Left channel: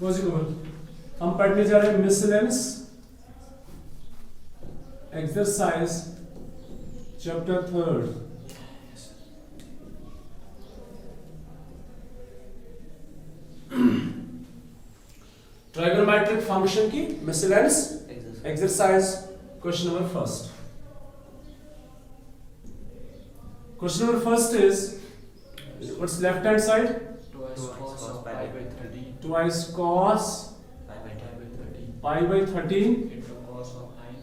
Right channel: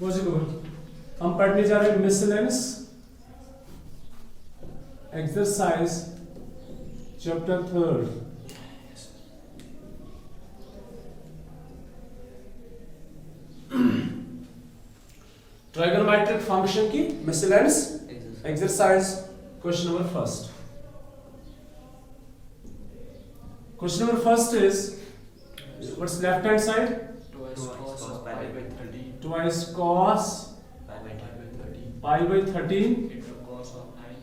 हम पढ़ने जा रहे हैं miscellaneous exercise chapter 3। Trigonometric function की miscellaneous exercise question number first. Question number first is, what's left hand side? Twice cos pi by 13 into cos of 9.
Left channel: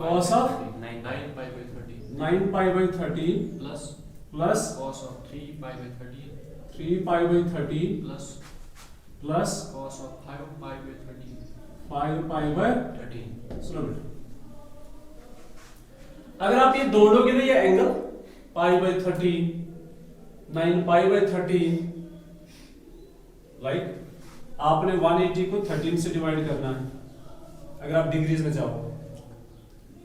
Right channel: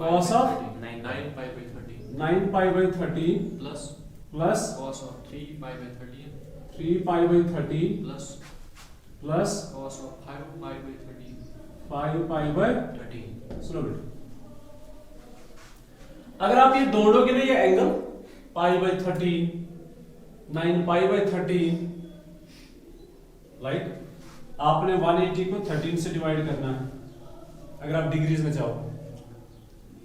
Cos of 9 pi by 13 9 pi by 13 plus cos of 3 pi by 13 3 pi by 13 plus cos of 5 pi by 13 5 pi by 13। सुनो बेटा, अगर आप ये जोड़ोगे ना ये angle pi by 13 9 pi by 13, like आपने 180 को 13 से डिवाइड करना है। अगर आप डिग्रीज में चाहो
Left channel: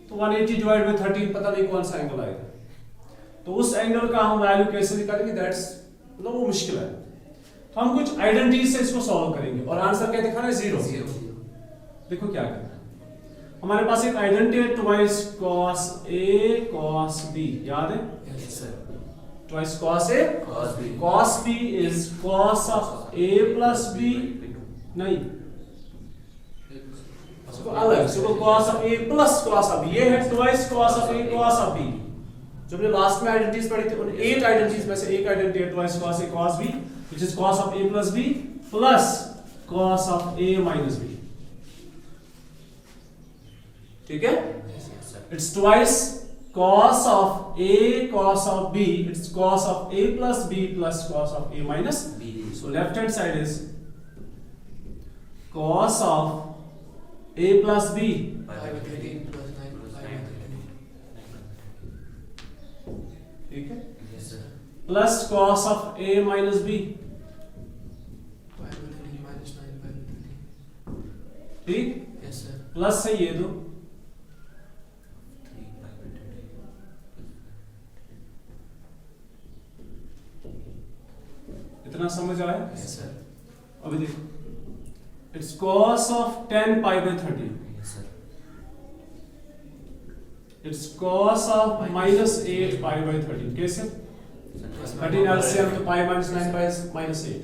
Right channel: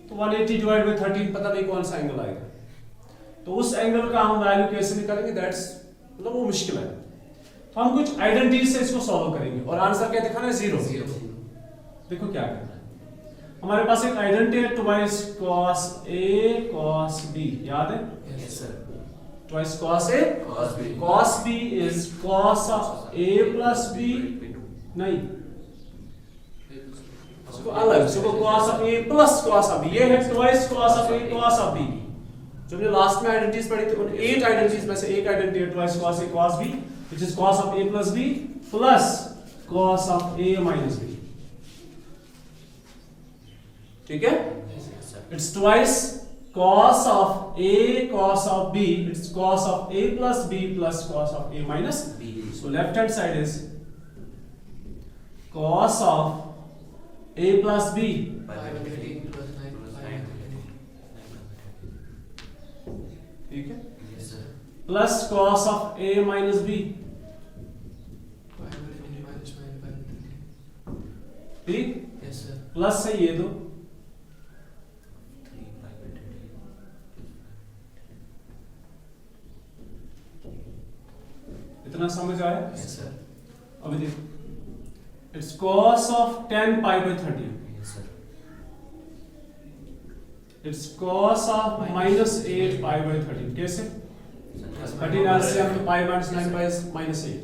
तो 180 डिवाइड बाई 13 पता नहीं कौन सा एंगल आएगा, तो उस एंगल का हम वैल्यू कैसे निकालेंगे, दैट्स मतलब वो मुश्किल है। तो हम कुछ आइडेंटिटी से इसको सॉल्व करेंगे और आंसर क्या दिखाना है, जीरो। देखो क्या करना है, हमारे पास एक आइडेंटिटी है twice cos A cos B, याद है? Yes sir. Twice cos A Cos B. cos B is cos of A plus B, नहीं इसको अलग, इसको cos of A plus cos of B, ये है twice cos of A cos of B। जो हमने लास्ट में आइडेंटिटीज पढ़ी थी, उन 8 आइडेंटिटीज में से एक आइडेंटिटी है twice cos A cos B, which is cos of A plus B plus cos of A minus B। ठीक है, it's twice cos of A cos of B, it's cos of A plus B plus cos of A minus B। So left hand side is cos of A plus B ठीक है, plus cos of A minus B, ठीक, plus है ये दो, इतना समझ आया? Yes sir. अभी देखो, it's cos of 10 pi by 13, Yes sir. it's cos of minus 8 pi by 13, कैसे? 13 LCM तो pi minus 9 pi is minus 8,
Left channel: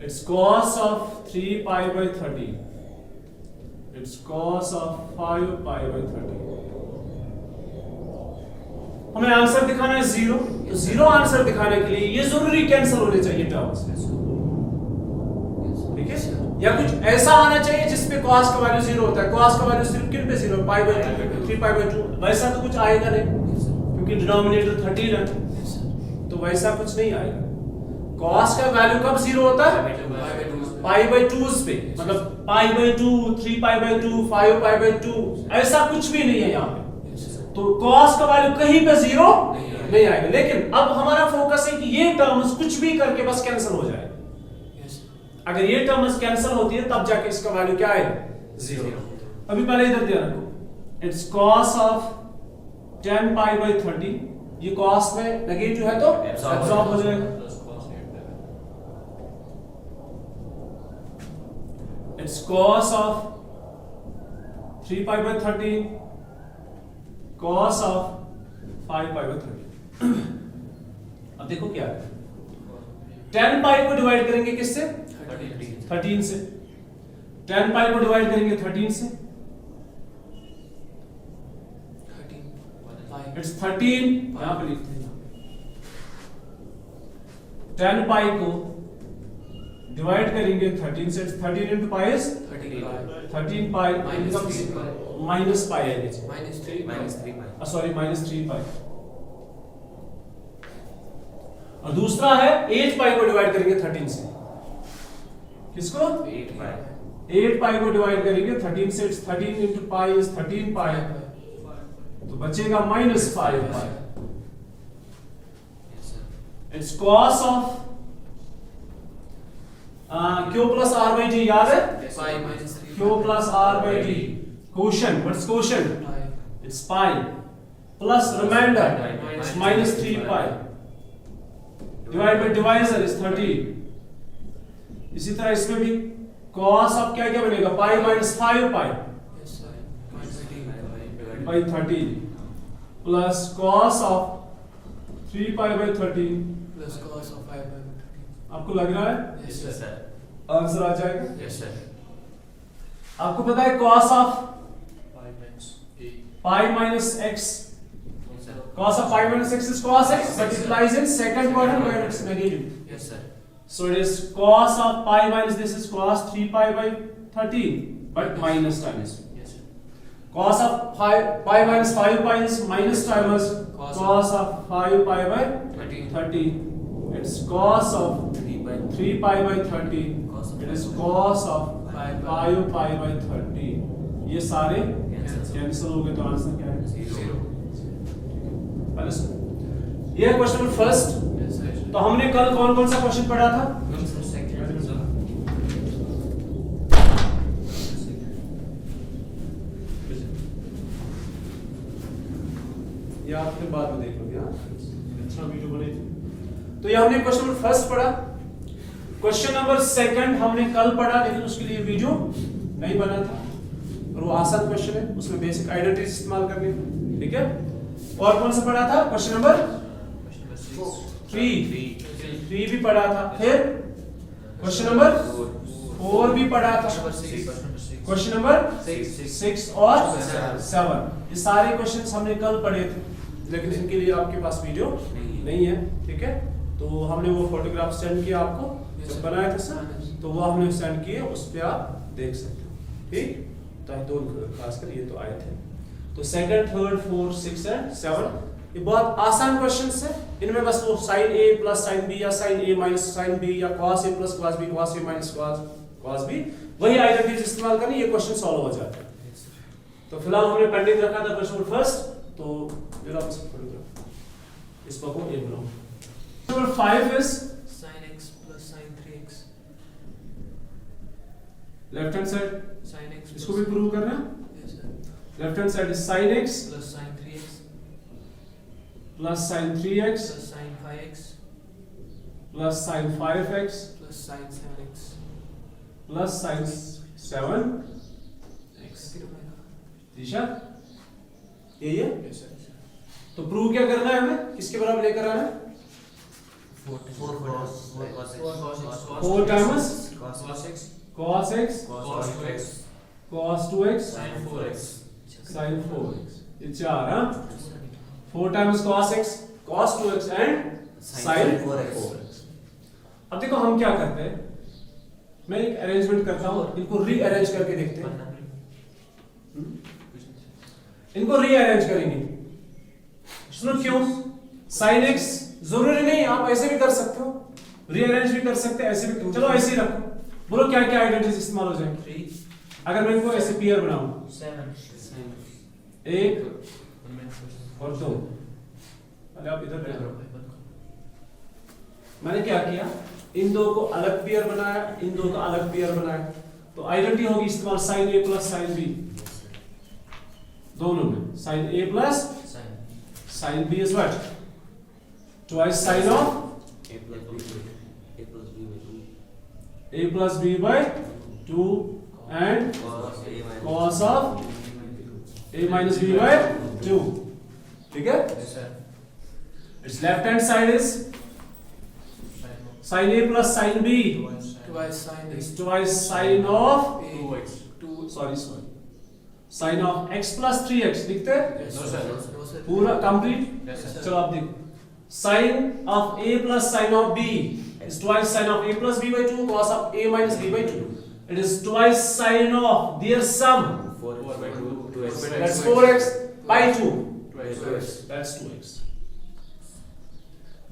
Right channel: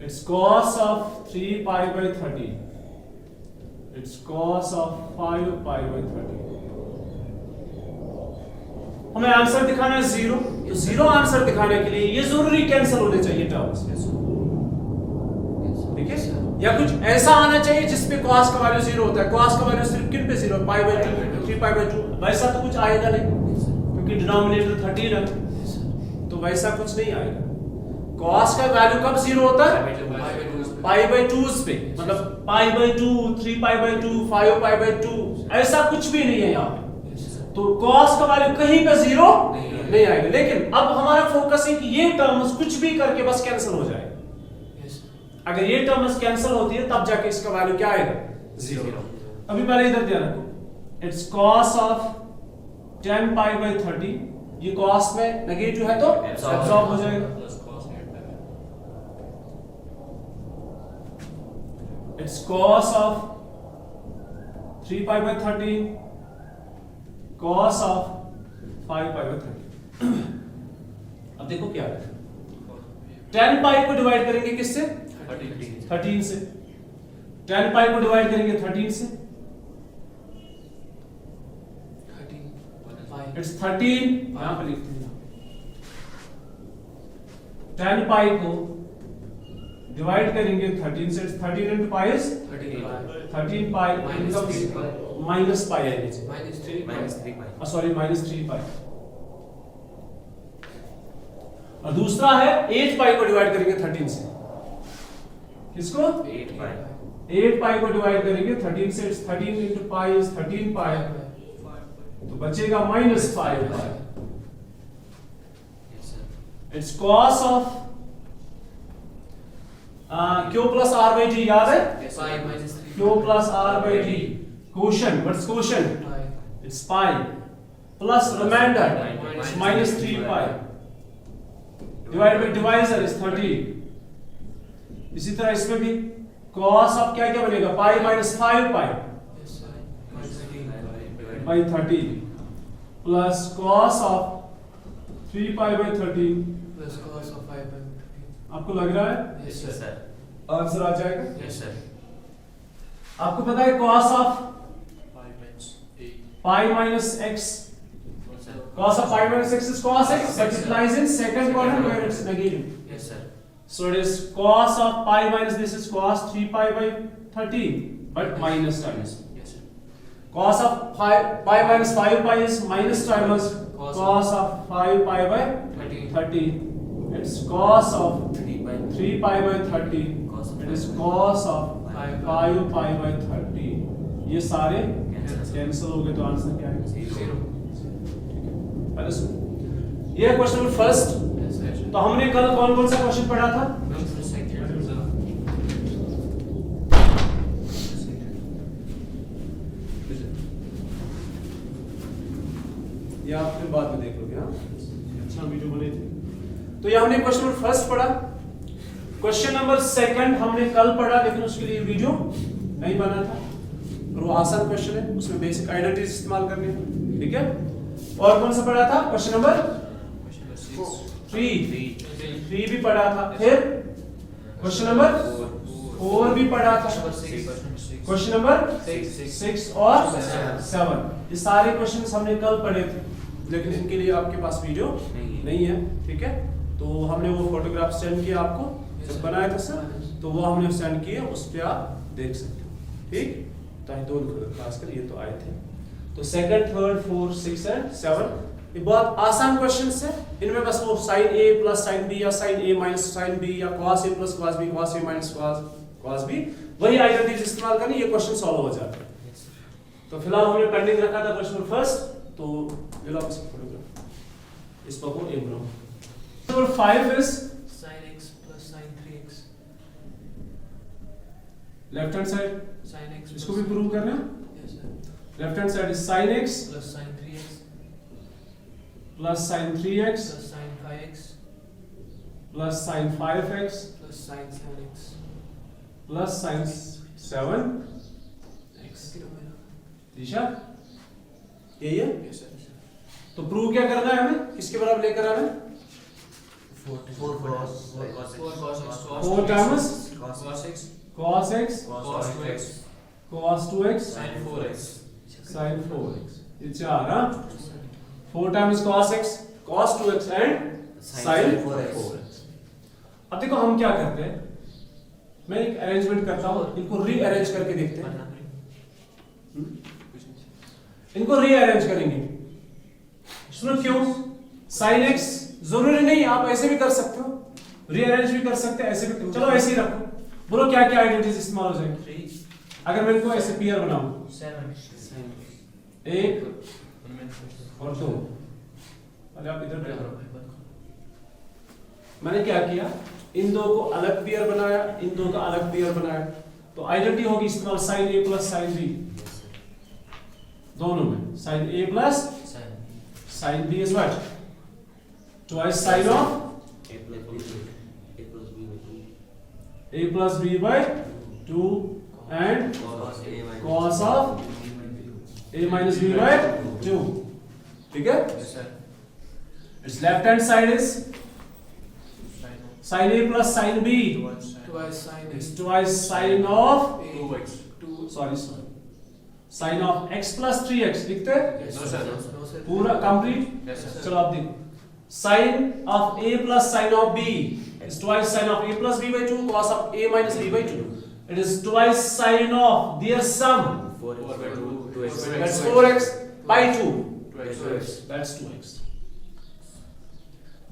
it's cos of 3 pi by 13, it's cos of 5 pi by 13। हमें answer दिखाना है zero, तो zero answer दिखाने के लिए ये जरूरी कैंसिल होने चाहिए टर्म्स, ठीक है? या कुछ ऐसा आना चाहिए जिसमें cos का वैल्यू जीरो होता है। cos का वैल्यू सिर्फ किन पे zero, pi by 2 3 pi by 2, वैसा तो कुछ आएगा नहीं क्योंकि डिनोमिनेटर 13 है, तो वैसा कुछ नहीं आएगा। cos का वैल्यू कब जीरो होता है, पाई बाय 2 पे, मतलब pi by 2 3 pi by 2 5 pi by 2, ऐसा कुछ भी नहीं है यहाँ पे। तो cos का वैल्यू कहीं पे जीरो नहीं आएगा, लेकिन अब हमारा फोकस है कि ये टर्म्स कुछ भी करके बस कैंसिल हो जाए। अगर ये टर्म्स कैंसिल होती है तब जाके इसका वैल्यू क्या आएगा, जीरो। अभी पहले इधर ध्यान रखो, it's cos of 10 pi by 13, ये cos में नेगेटिव है तो एब्सॉर्ब हो जाएगा, it's cos of 3 pi by 13 cos of 5 pi by 13। अब देखो क्या है, 10 पाई को डिवाइड करेंगे किससे, 13 से, 10 पाई को डिवाइड करेंगे 13 से, इट्स 13, यहां पे लिख देना 10 पाई को डिवाइड करेंगे 13 से, 13 into pi is 13 pi minus pi है, Minus 3 pi. Sorry minus 3 pi। और दूसरा है 8 पाई को डिवाइड करेंगे 13 से, किसको, 8 pi. 8 पाई को डिवाइड करेंगे 13 से, 13 into pi is 13 pi, तो बचेगा minus 5 pi। Yes sir. It's cos of Q plus R by D, याद है, Q plus R by D, quotient, what's quotient, it's pi plus remainder, it's minus 3 pi, divided by divisor is 13। इसी तरह इसमें भी cos of क्या क्या बनेगा pi minus 5 pi Yes, sir. by 13 plus cos of 3 pi by 13 Plus cos of 5 by 13. आपको लग रहा है Yes, Yes, sir. sir. Answer आ जाएगा Yes, sir. आपको पता है cos of 5 minus 8. pi minus x Yes, sir. cos of pi minus x is cos x but it lies in second quadrant where it's negative. Yes, sir. So it is cos of pi minus this is cos 3 pi by 13 but minus times. Yes, sir. Cos of pi minus 5 pi is minus times cos of 5 pi by 13. It's cos of 3 pi by 13. It is cos of 5 pi by 13. ये सारे cancel हो गए तो answer क्या है 0. ये question number first. Yes, sir. तो हमने कल कौन कौन सा क्वेश्चन पढ़ा था ये आपने बाद में देख लोगे। हाँ अच्छा वीडियो बनी थी। तो ये हमने क्वेश्चन नंबर फर्स्ट पढ़ा। क्वेश्चन नंबर सेकंड हमने कल पढ़ा लेकिन उसके लिए वीडियो नहीं बना था और वो आसान क्वेश्चन है उसमें बेसिक आइडेंटिटी इस्तेमाल करनी है ठीक है। और कौन सा पढ़ा था क्वेश्चन नंबर 3 भी पढ़ा था। फिर क्वेश्चन नंबर 4 भी पढ़ा था। क्वेश्चन नंबर 6 और 7 ये सारे क्वेश्चंस हमने कल पढ़े थे लेकिन इनके लिए आपके पास वीडियो नहीं है ठीक है। तो हमने वो फोटोग्राफ सेंड किया आपको जब बनाया था सर तो वो हमने सेंड किए उस पर आप देख सकते हो ठीक। तो दोनों खासकर ये तो आए थे। तो सेकंड थर्ड फोर्थ 6 एंड 7 ये बहुत आसान क्वेश्चंस है। इनमें बस वो sin a plus sin b या sin a minus sin b या cos a plus cos b cos a minus cos b वही आइडेंटिटीज इस्तेमाल करनी ये क्वेश्चन सॉल्व हो जाता है। तो फिलहाल हमने पेंडिंग रखा था क्वेश्चन फर्स्ट तो जरा आप इस पर को a बनाओ। Number 5 is Sin x plus sin 3x. Left hand side Sin x इसको plus भी प्रूव करना है। Yes, sir. Left hand side is sin x Plus sin 3x plus sin 3x plus sin 5x plus sin 5x plus sin 7x. plus sin 7x दिशा यही है। Yes, sir. तो prove क्या करना है हमें किसके बराबर लेकर आना है 4 times Cos x. cos x Cos 2x. cos 2x Sin 4x. sin 4x ये चार हाँ 4 times cos x cos 2x and sin 4x। अब देखो हम क्या करते हैं मैं एक अरेंजमेंट करता हूँ इनको रीअरेंज करके देखते हैं। इनको रीअरेंज करेंगे सुनो क्यों sin x जरूरी नहीं आप ऐसे भी कर सकते हो रीअरेंज भी कर सकते हैं ऐसे भी चलो ऐसे ही रखो बोलो क्या क्या आइडेंटिटीज इस्तेमाल हो जाएंगे 3. अगर मैं इनको ऐसे पेयर बनाऊं 7. एक और दो अरे आप इधर देखो मैंने क्या किया इन दो को अलग पेयर बनाया इन दो का अलग पेयर बनाया तो आइडेंटिटी होगी इस्तेमाल sin a plus sin b दोनों में sin a plus sin b is what twice sin of a plus b by 2 and cos of a minus b by 2 ठीक है। Yes, sir. its left hand side is sin a plus sin b Twice sin it's x. twice sin of 2x. sorry sin of x plus 3x लिखते हैं Yes, No, sir. No, sir. पूरा complete. Yes, sir. चलो आप देखो sin of a plus sin of b is twice sin of a plus b by 2 cos of a minus b by 2 it is twice sin of their sum 4 by 2. 2x. that's 4x by 2 2x. that's 2x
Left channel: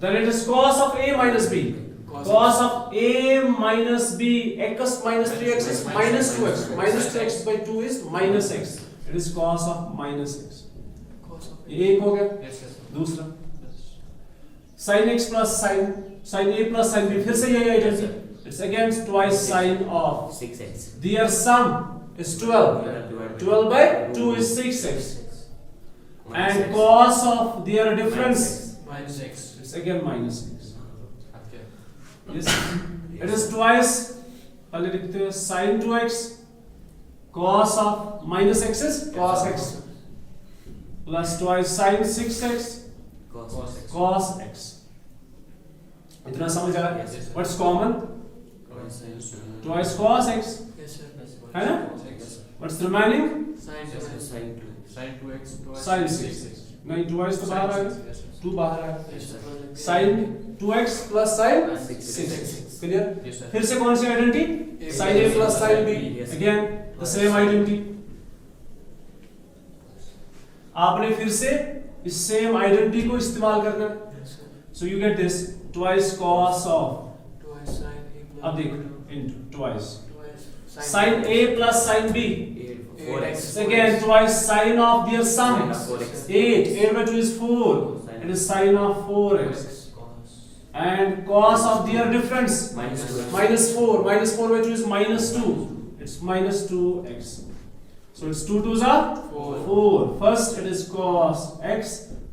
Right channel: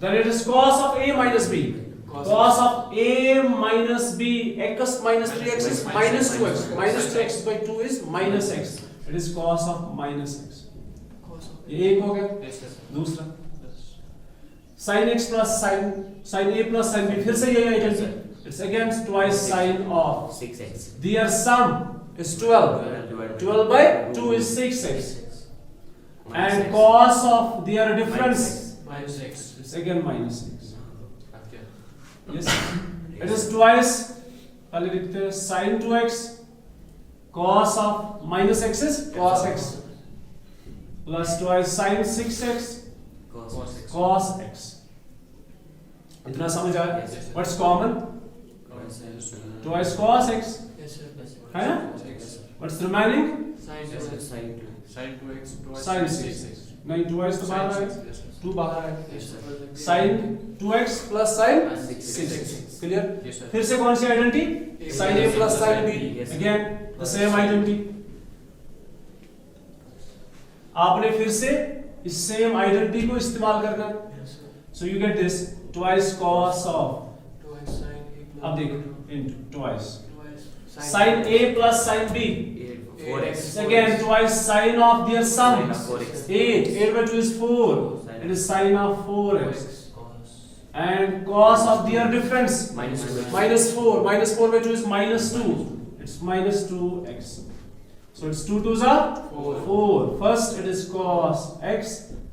then it is cos of a minus b cos of a minus b x minus 3x is minus 2x minus 2x by 2 is minus x it is cos of minus x Cos of ये एक हो गया। Yes, sir. दूसरा sin x plus sin a plus sin b फिर से यही identity it's again twice sin of 6x. their sum is 12 by 2 is 6x and cos of their difference minus x. it's again minus 6 Okay. yes it is twice पहले लिखते हैं sin 2x cos of minus x is cos x plus twice sin 6x cos x. इतना समझ आया? Yes, yes. What's common? Twice cos x Yes, sir. है ना? What's remaining? Sin Yes, sir. 2x. Sin 2. Sin 2x. Sin 6. नहीं 2x तो बाहर आएगा, 2 बाहर आएगा. Yes, sir. Sin 2x plus sin 6. Clear? Yes, sir. फिर से कौन सी identity? Sin a plus sin b. Yes, sir. Again the same identity. आपने फिर से इस सेम आइडेंटिटी को इस्तेमाल करना है. Yes, sir. So you get this twice cos of, Twice sin a plus. अब देखो into twice Twice sin a plus sin b. 4x. Again twice sin of their sum. Sin of 4x. 8 by 2 is 4. It is sin of 4x. Cos. And cos of their difference. Minus 2x. Minus 4. Minus 4 by 2 is minus 2. It's minus 2x. So it's 2 2s are 4. First it is cos x.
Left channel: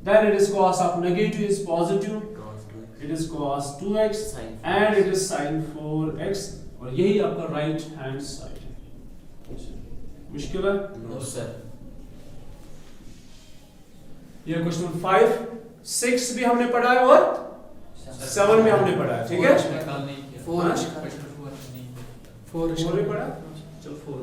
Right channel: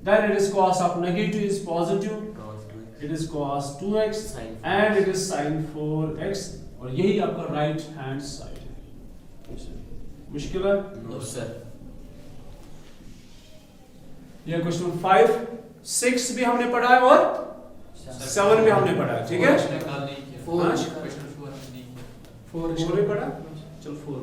Then it is cos of negative is positive. Cos 2x. It is cos 2x. Sin 4x. And it is sin 4x. और यही आपका right hand side है. मुश्किल है? No, sir. यह question 5, 6 भी हमने पढ़ा है और 7 भी हमने पढ़ा है. ठीक है? 4 हाँ? Four. 4 भी पढ़ा. चलो 4.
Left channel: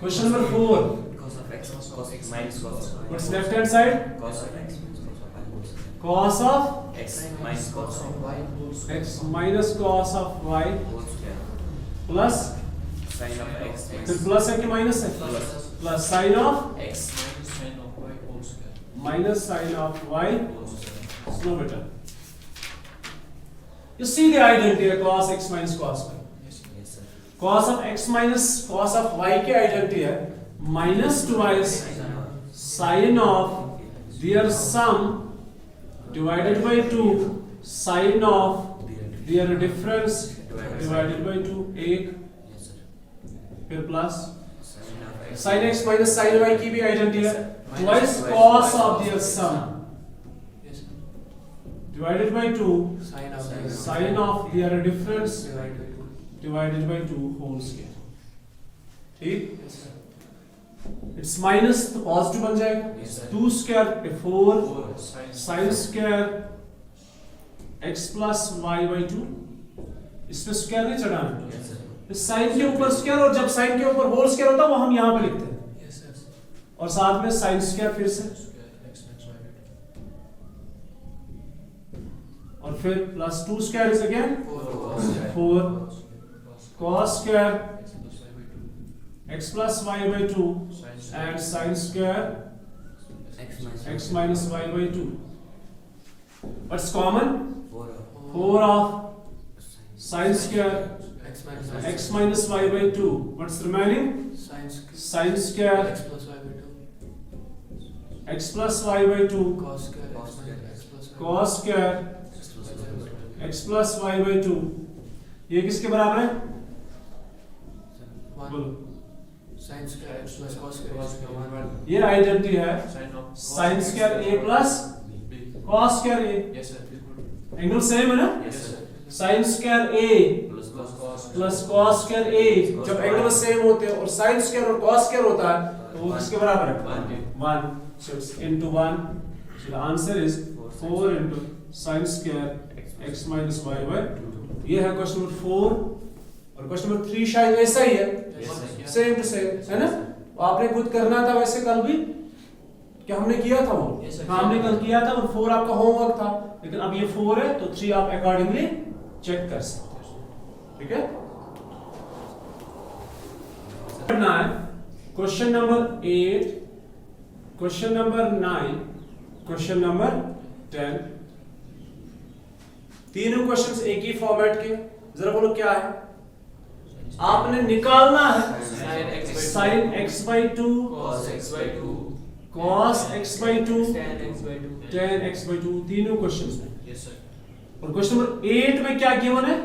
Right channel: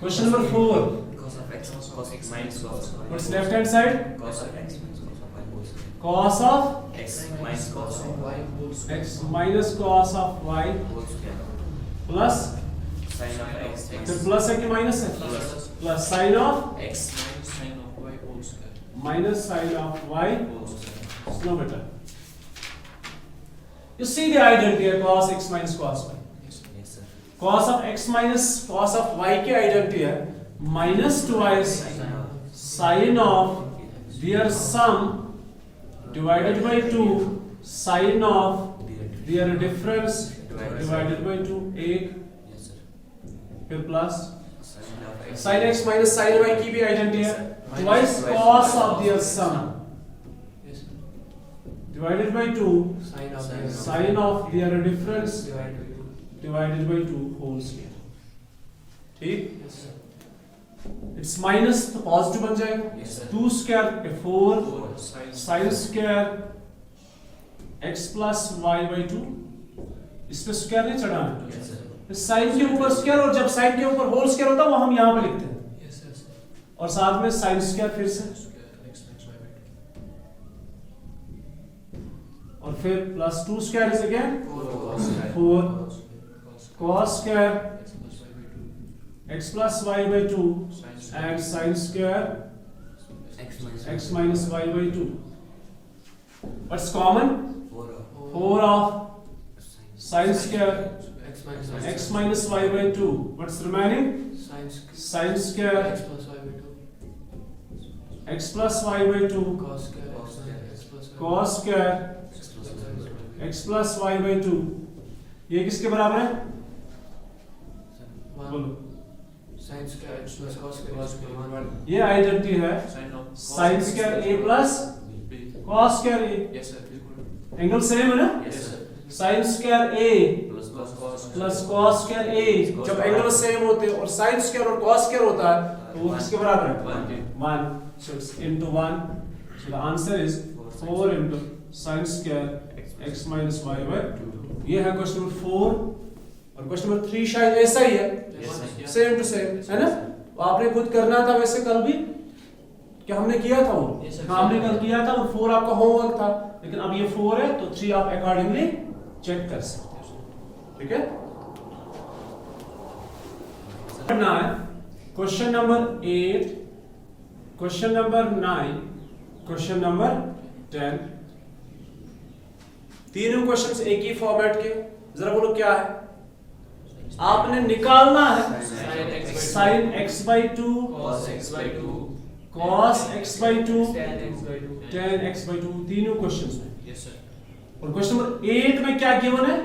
Question number 4. Cos of x. Cos x minus cos of y. What's left hand side? Cos of x minus cos of y whole square. Cos of X minus cos of y x minus cos of y whole square. plus, Sin of x फिर minus plus है कि minus है? Plus. Plus sign of x minus sin of y. Slow better. You see the identity here, cos x minus cos y. Yes, sir. Cos of x minus cos of y की identity है minus twice sin of their sum divided by 2 sin of their difference divided by 2. एक Yes, sir. फिर plus Sin of x. sin x minus sin y की भी identity है twice cos of their sum divided by 2 sin of their difference divided by 2 whole square. ठीक? It's minus तो positive बन जाएगा. Yes, sir. 2 square पे 4 sin square x plus y by 2. इस पे स्क्वायर नहीं चढ़ाना. Yes, sir. साइन के ऊपर स्क्वायर, और जब साइन के ऊपर होल स्क्वायर होता है वो हम यहाँ पे लिखते हैं. और साथ में साइन स्क्वायर फिर से, और फिर plus 2 square is again 4 cos square x plus y by 2 and sin square x minus y by 2. What's common? 4 of sin square x minus y by 2. What's remaining? Sin square x plus y by 2 cos square x plus y by 2. ये किसके बराबर है? बोलो. ये identity है sin square a plus cos square a. Angle same है ना? Yes, sir. sin square a plus cos square a. जब एंगल सेम होते हैं और sin square और cos square होता है तो वो किसके बराबर है? 1. So it's into 1. So the answer is 4 into sin square x minus y by 2. ये है क्वेश्चन नंबर 4. और क्वेश्चन नंबर 3 शायद ऐसा ही है, Yes, sir. Same to same, है ना? तो आपने खुद करना था वैसे कल भी, क्या हमने किया था वो? Yes, sir. हाँ, हमने कल किया था और 4 आपका होमवर्क था, लेकिन अब ये 4 है तो 3 आप अकॉर्डिंगली चेक कर सकते हो. ठीक है? पढ़ना है question number 8, question number 9, question number 10. तीनों क्वेश्चंस एक ही फॉर्मेट के. जरा बोलो क्या है? आपने निकालना है sin x by 2 cos x by 2 tan x by 2. तीनों क्वेश्चंस हैं. और क्वेश्चन नंबर 8 में क्या गिवन है?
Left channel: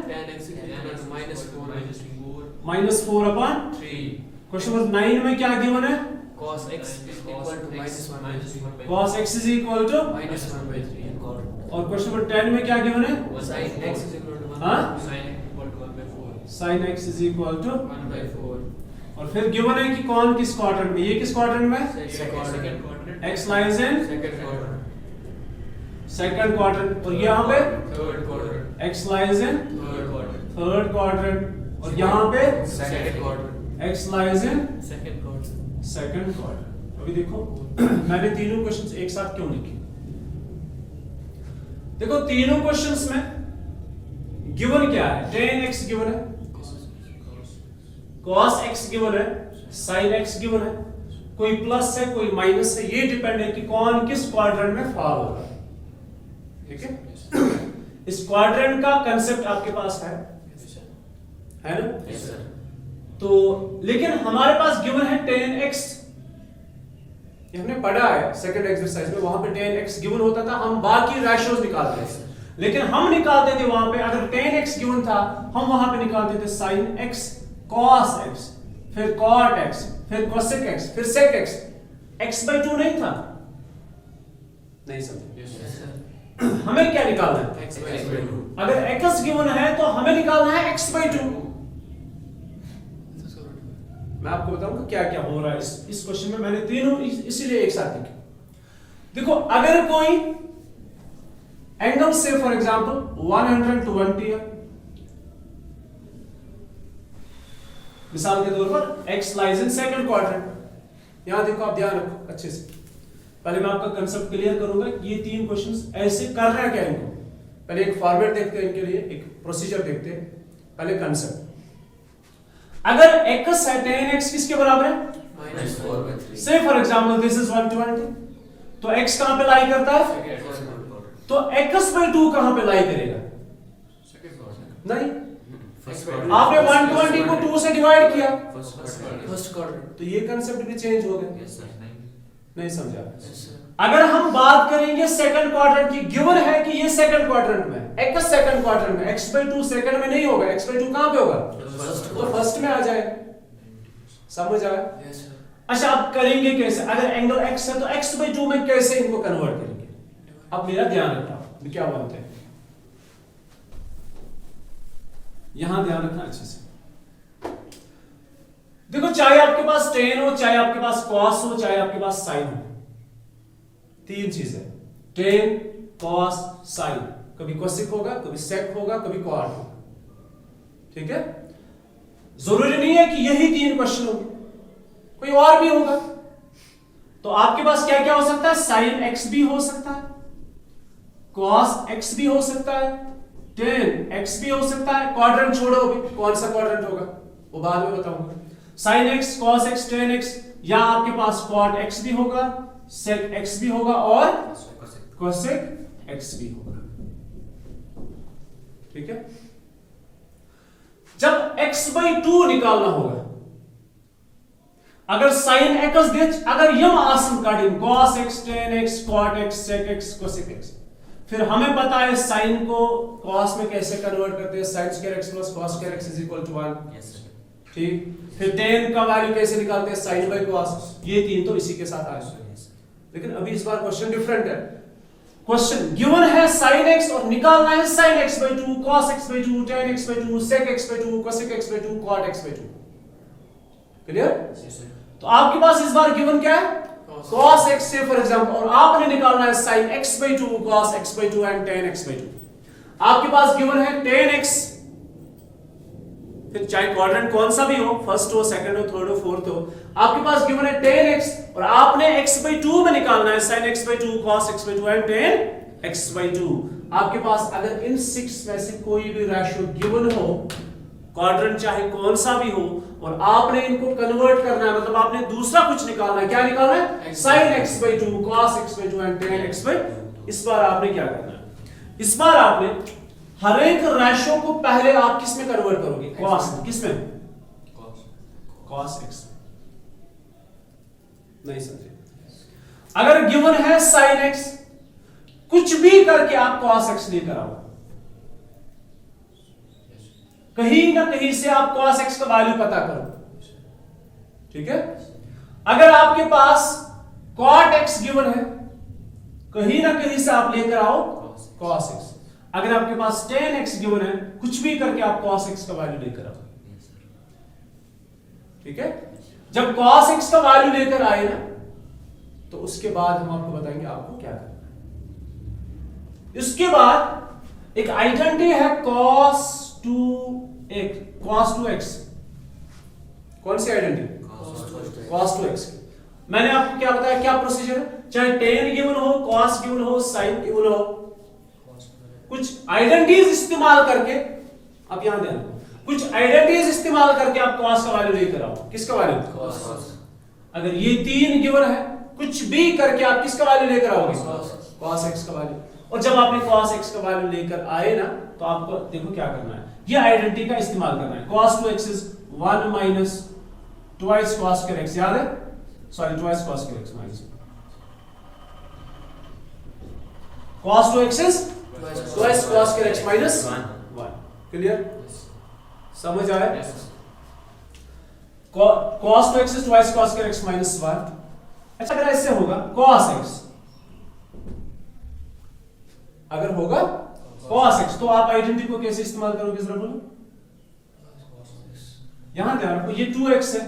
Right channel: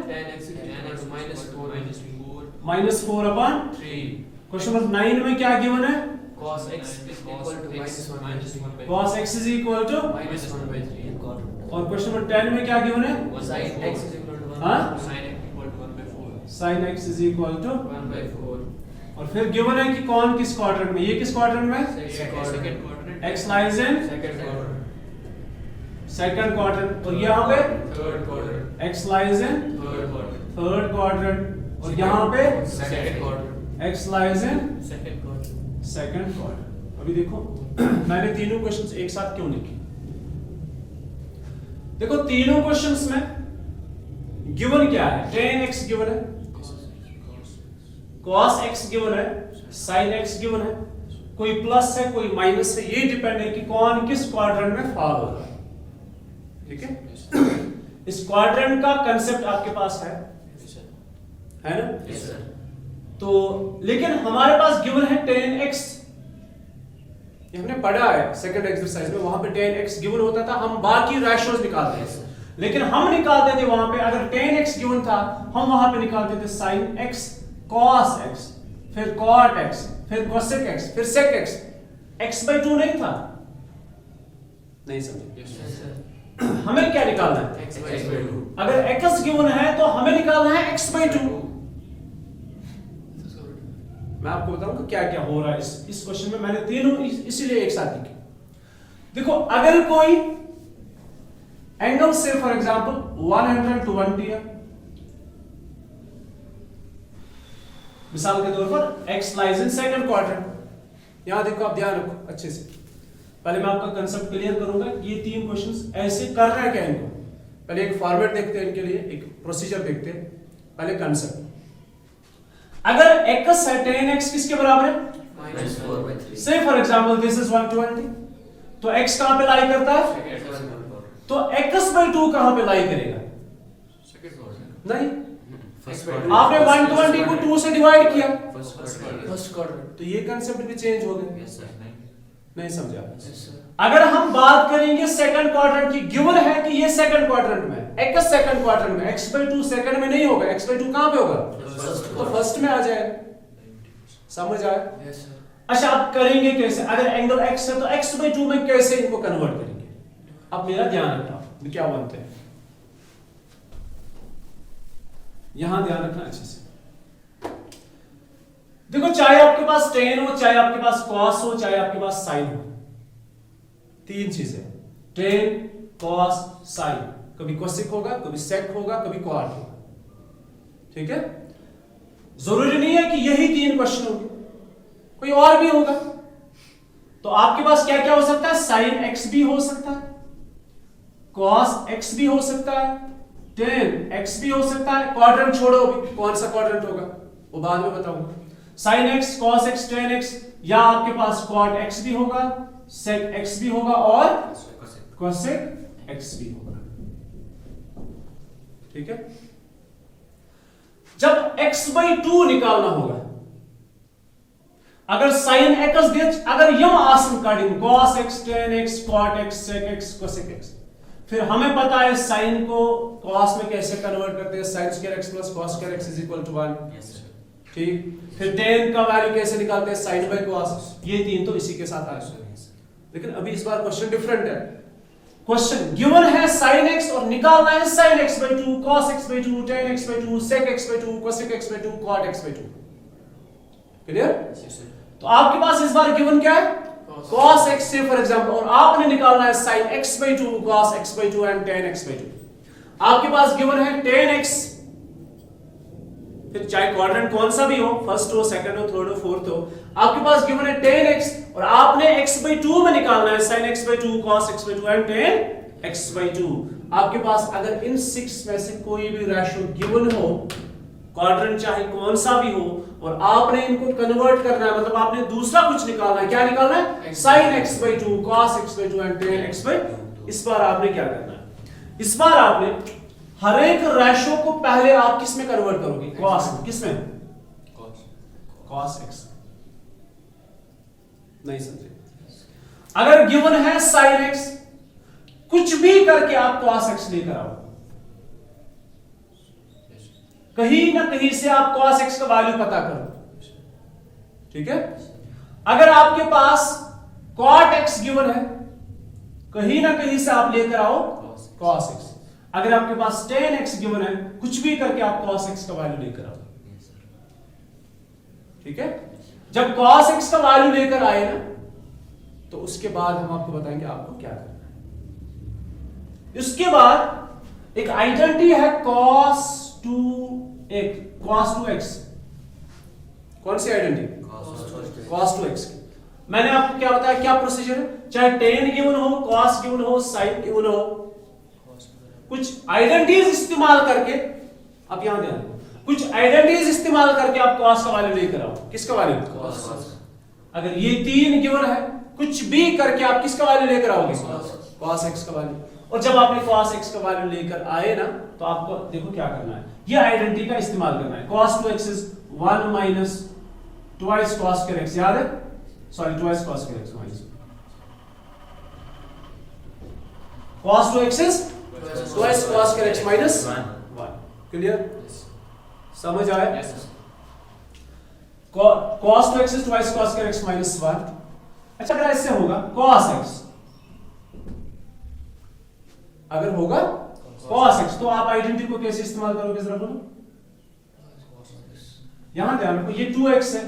-4 upon 3. क्वेश्चन नंबर 9 में क्या गिवन है? cos x is equal to -1/3. cos x is equal to, -1/3. और क्वेश्चन नंबर 10 में क्या गिवन है? sin x is equal to 1. हाँ? sin x equal to 1/4 sin x is equal to 1/4 और फिर गिवन है कि कौन किस क्वाड्रेंट में, ये किस क्वाड्रेंट में, second quadrant x lies in second quadrant second quadrant और यहाँ पे third quadrant x lies in third quadrant third quadrant और यहाँ पे second quadrant x lies in second quadrant second quadrant. अभी देखो मैंने तीनों क्वेश्चंस एक साथ क्यों लिखे, देखो तीनों क्वेश्चंस में गिवन क्या है, tan x गिवन है, cos x गिवन है, sin x गिवन है, कोई प्लस है कोई माइनस है, ये डिपेंड है कि कौन किस क्वाड्रेंट में फॉल होगा। ठीक है, इस क्वाड्रेंट का कंसेप्ट आपके पास है ना? Yes sir. तो लेकिन हमारे पास गिवन है tan x, ये हमने पढ़ा है सेकंड एक्सरसाइज में, वहां पे tan x गिवन होता था, हम बाकी रेशियोज निकालते थे, लेकिन हम निकालते थे वहां पे अगर tan x गिवन था हम वहां पे निकालते थे sin x cos x फिर cot x फिर cosec x फिर sec x, x/2 नहीं था, नहीं समझे? यस सर हमें क्या निकालना है, x/2 अगर x गिवन है तो हमें निकालना है x/2। मैं आपको बताऊंगा क्या क्या हो रहा है इस क्वेश्चन में, मैंने तीनों इसीलिए एक साथ लिखे। देखो अगर कोई एंगल से फॉर एग्जांपल 120 है, मिसाल के तौर पर x lies in second quadrant, यहां देखो आप ध्यान रखो अच्छे से, पहले मैं आपका कंसेप्ट क्लियर करूंगा ये तीन क्वेश्चंस ऐसे कर रहा है क्या इनको, पहले एक फॉर्मेट देखते हैं इनके लिए, एक प्रोसीजर देखते हैं, पहले कंसेप्ट। अगर x है tan x किसके बराबर है, -4/3 से फॉर एग्जांपल दिस इज 120, तो x कहां पे लाई करता है, तो x/2 कहां पे लाई करेगा, सेकंड क्वाड्रेंट नहीं, फर्स्ट आपने 120 को 2 से डिवाइड किया, फर्स्ट क्वाड्रेंट तो ये कंसेप्ट भी चेंज हो गया, यस सर। नहीं समझा? यस सर अगर हम बात करेंगे सेकंड क्वाड्रेंट की, गिवन है कि ये सेकंड क्वाड्रेंट में है, x सेकंड क्वाड्रेंट में, x/2 सेकंड में नहीं होगा, x/2 कहां पे होगा, तो फर्स्ट में आ जाएगा, समझ आया? यस सर अच्छा आप करेंगे कैसे, अगर एंगल x है तो x/2 में कैसे इनको कन्वर्ट करेंगे, अब मेरा ध्यान रखना क्या बनते हैं, यहां ध्यान रखना अच्छे से। देखो चाहे आपके पास tan हो, चाहे आपके पास cos हो, चाहे आपके पास sin हो, तीन चीजें tan cos sin, कभी cosec होगा कभी sec होगा कभी cot होगा, ठीक है? जरूरी नहीं है कि यही तीन क्वेश्चन होंगे, कोई और भी होगा, तो आपके पास क्या क्या हो सकता है, sin x भी हो सकता है, cos x भी हो सकता है, tan x भी हो सकता है, क्वाड्रेंट छोड़ो अभी कौन सा क्वाड्रेंट होगा वो बाद में बताऊंगा, sin x cos x tan x, या आपके पास cot x भी होगा, sec x भी होगा और cosec x भी होगा, ठीक है? जब x/2 निकालना होगा, अगर sin x दे, अगर यम आसन काटें cos x tan x cot x sec x cosec x, फिर हमें पता है sin को cos में कैसे कन्वर्ट करते हैं, sin square x plus cos square x is equal to 1, yes sir. ठीक? फिर tan का वैल्यू कैसे निकालते हैं, sin by cos, ये तीन तो इसी के साथ आ रहे हैं, लेकिन अभी इस बार क्वेश्चन डिफरेंट है, क्वेश्चन गिवन है sin x और निकालना है sin x/2 cos x/2 tan x/2 sec x/2 cosec x/2 cot x/2, clear? तो आपके पास इस बार गिवन क्या है, cos x से फॉर एग्जांपल, और आपने निकालना है sin x/2 cos x/2 and tan x/2, आपके पास गिवन है tan x, फिर चाहे क्वाड्रेंट कौन सा भी हो, फर्स्ट हो सेकंड हो थर्ड हो फोर्थ हो, आपके पास गिवन है tan x और आपने x/2 में निकालना है sin x/2 cos x/2 and tan x/2। आपके पास अगर इन 6 में से कोई भी रेशियो गिवन हो, क्वाड्रेंट चाहे कौन सा भी हो, और आपने इनको कन्वर्ट करना है, मतलब आपने दूसरा कुछ निकालना है, क्या निकालना है, sin x/2 cos x/2 and tan x/2। इस बार आपने क्या करना है, इस बार आपने हर एक रेशियो को पहले आप किस में कन्वर्ट करोगे, cos, किस में, cos x, नहीं समझे? अगर गिवन है sin x, कुछ भी करके आप cos x लेकर आओ, कहीं ना कहीं से आप cos x का वैल्यू पता करो, ठीक है? अगर आपके पास cot x गिवन है, कहीं ना कहीं से आप लेकर आओ cos x, अगर आपके पास tan x गिवन है, कुछ भी करके आप cos x का वैल्यू लेकर आओ, Yes, sir. ठीक है? जब cos x का वैल्यू लेकर आए ना, तो उसके बाद हम आपको बताएंगे आपको क्या करना है। उसके बाद एक आइडेंटिटी है cos 2x। कौन सी आइडेंटिटी? cos 2x। मैंने आपको क्या बताया, क्या प्रोसीजर है? चाहे tan गिवन हो, cos गिवन हो, sin गिवन हो, कुछ आइडेंटिटीज इस्तेमाल करके, आप यहां ध्यान दो, कुछ आइडेंटिटीज इस्तेमाल करके आप cos का वैल्यू लेकर आओ। किसका वैल्यू? Cos. अगर ये 3 गिवन है, कुछ भी करके आप किसका वैल्यू लेकर आओगे? cos x का वैल्यू। और जब आपने cos x का वैल्यू लेकर आए ना, तो आपको देखो क्या करना है, ये आइडेंटिटी का इस्तेमाल करना है। cos 2x is 1 minus twice cos square x, याद है? Sorry, twice cos square x minus cos 2x is twice cos square x minus 1। Clear? समझ आया? Yes. cos 2x is twice cos square x minus 1। अच्छा, अगर ऐसे होगा cos x, अगर होगा cos x, तो आप आइडेंटिटी को कैसे इस्तेमाल करोगे जरा बोलो? यहां ध्यान रखो, ये 2x है,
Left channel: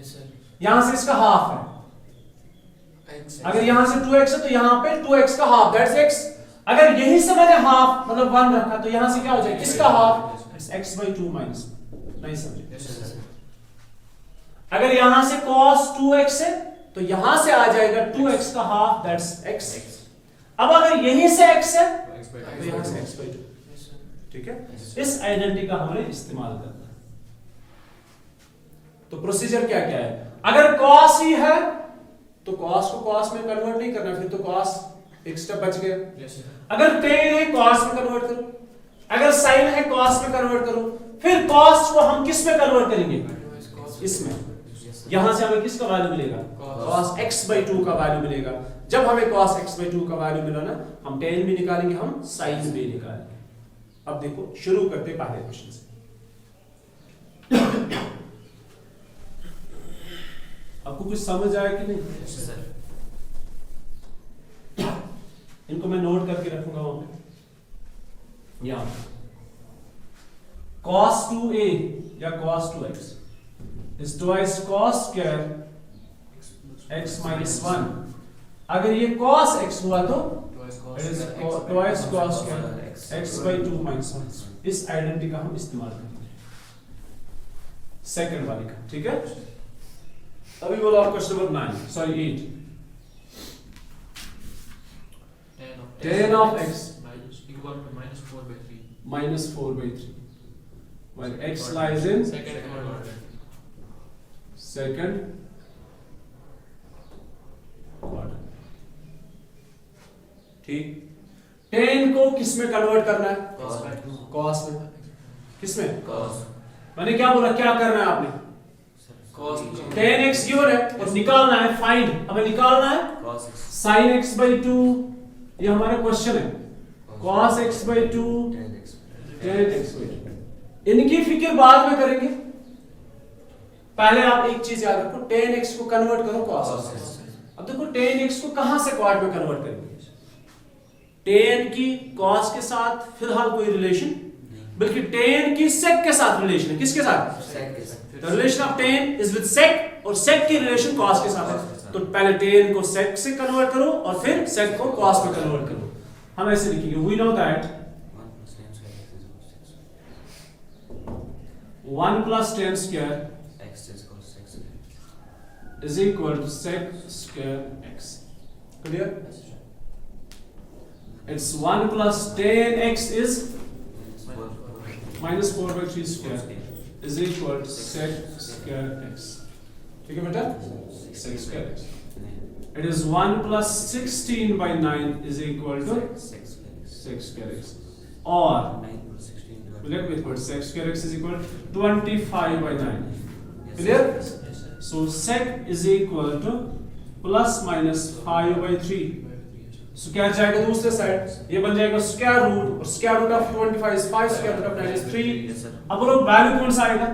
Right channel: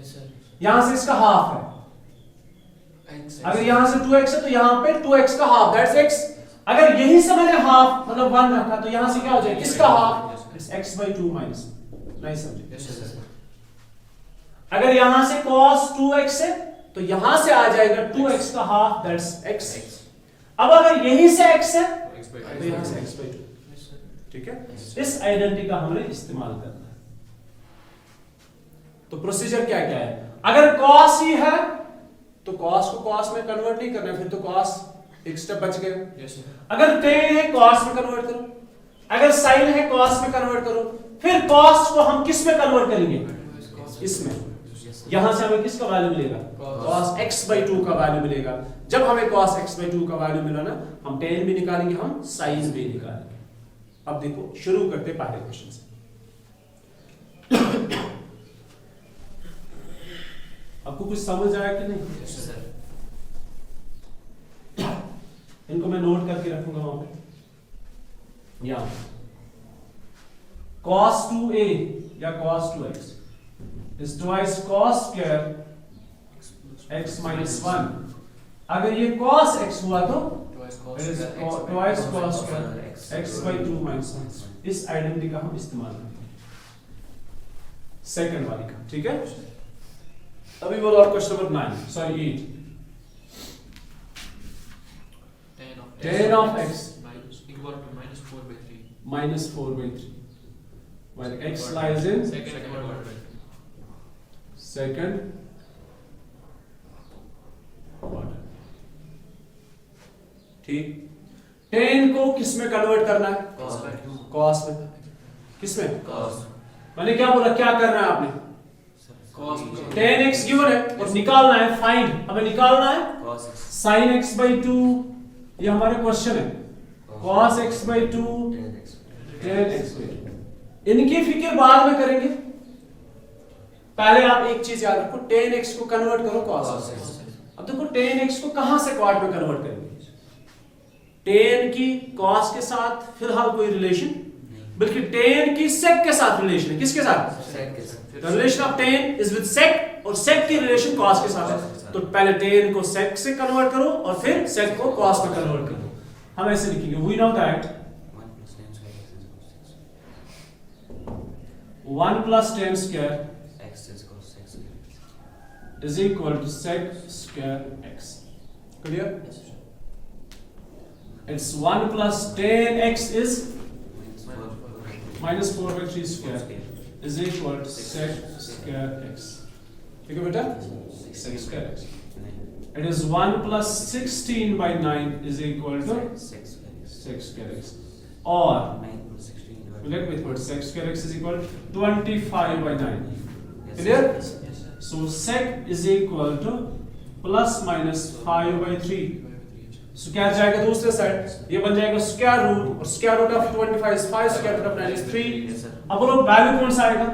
Yes, sir. यहां से इसका हाफ है। X. अगर यहां से 2x है तो यहां पे 2x का हाफ, दैट्स x। अगर यहीं से मैंने हाफ मतलब 1 रखा, तो यहां से क्या हो जाएगा? किसका हाफ? It's x/2 minus. नहीं समझे? Yes, sir. अगर यहां से cos 2x है, तो यहां से आ जाएगा 2x का हाफ, दैट्स x। अब अगर यहीं से x है, तो यहां से x/2। Yes, sir. ठीक है? इस आइडेंटिटी का हमने इस्तेमाल करना है। तो प्रोसीजर क्या क्या है? अगर cos ही है, तो cos को cos में कन्वर्ट नहीं करना, फिर तो cos एक स्टेप बच गया। Yes, sir. अगर tan है, cos में कन्वर्ट करो। अगर sin है, cos में कन्वर्ट करो। फिर cos को हम किस में कन्वर्ट करेंगे? इसमें। यहां से हमें किसका वैल्यू मिलेगा? cos x/2 का वैल्यू मिलेगा। जब हमें cos x/2 का वैल्यू मिला ना, हम tan भी निकालेंगे, हम sin भी निकालेंगे। अब देखो, शुरू करते पहले क्वेश्चन से। आपको कुछ समझ आया कि नहीं? Yes, sir. इनको मैं नोट करके रखूंगा वहां पे। यहां cos 2a या cos 2x is twice cos square x minus 1। अगर ये cos x हुआ तो it is twice cos square x/2 minus 1। इस आइडेंटिटी का हम इस्तेमाल करते हैं, सेकंड वाली का। ठीक है? अभी बोलो आप question number 9, sorry 8। tan of x minus equal to minus 4/3. minus 4/3 while x lies in Second quadrant. second quadrant। ठीक, tan को किस में कन्वर्ट करना है? cos में। किस में? Cos. मैंने क्या बोला, क्या करना है आपने? Cos. tan x गिवन है और निकालना है, फाइंड, हमें निकालना है Cos x. sin x/2। ये हमारे क्वेश्चन है, cos x/2 Tan x. tan x/2। इनकी फिक्र बाद में करेंगे, पहले आप एक चीज याद रखो, tan x को कन्वर्ट करो cos x। अब देखो tan x को कहां से क्वाड में कन्वर्ट करेंगे? tan की cos के साथ फिलहाल कोई रिलेशन, बल्कि tan की sec के साथ रिलेशन है। किसके साथ? Sec के साथ. The relation of tan is with sec, और sec की रिलेशन cos के साथ है। तो पहले tan को sec से कन्वर्ट करो और फिर sec को cos में कन्वर्ट करो। हम ऐसे लिखेंगे, we know that 1 plus tan square x 1 plus tan square is equal to 6 cos x square. is equal to sec square x। Clear? It's 1 plus tan x is minus 4/3 square is equal to sec square x। ठीक है बेटा? sec square x। It is 1 plus 16/9 is equal to sec square x। और 9 plus 16 divided let me put sec square x is equal to 25/9। Yes, Clear? yes, Yes, sir. So sec is equal to plus minus 5/3। So क्या जाएगा दूसरे side? ये बन जाएगा square root, और square root of 25 is 5, square root of 9 is 3। Yes, sir. अब वो value कौन सा आएगा?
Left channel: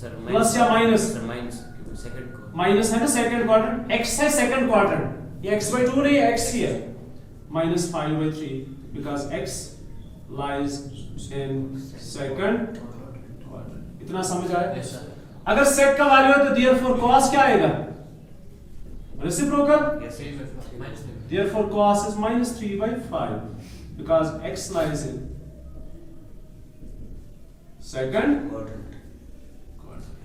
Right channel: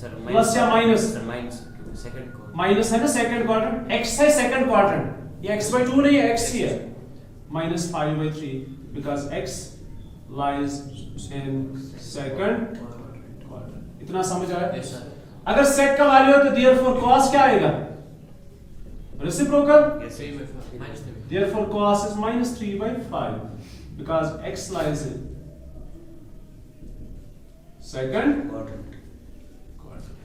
Sir, Plus या minus? Sir, minus. Second cos. Minus है ना सेकंड क्वाड्रेंट, x है सेकंड क्वाड्रेंट, ये x/2 नहीं है, x ही है। minus 5/3 because x lies in second quadrant. इतना समझ आया? Yes, sir. अगर sec का वैल्यू है तो therefore cos क्या आएगा? Reciprocal. Yes, 3 by 5. Minus 3 by 5. Therefore cos is minus 3 by 5 because x lies in second quadrant. quadrant.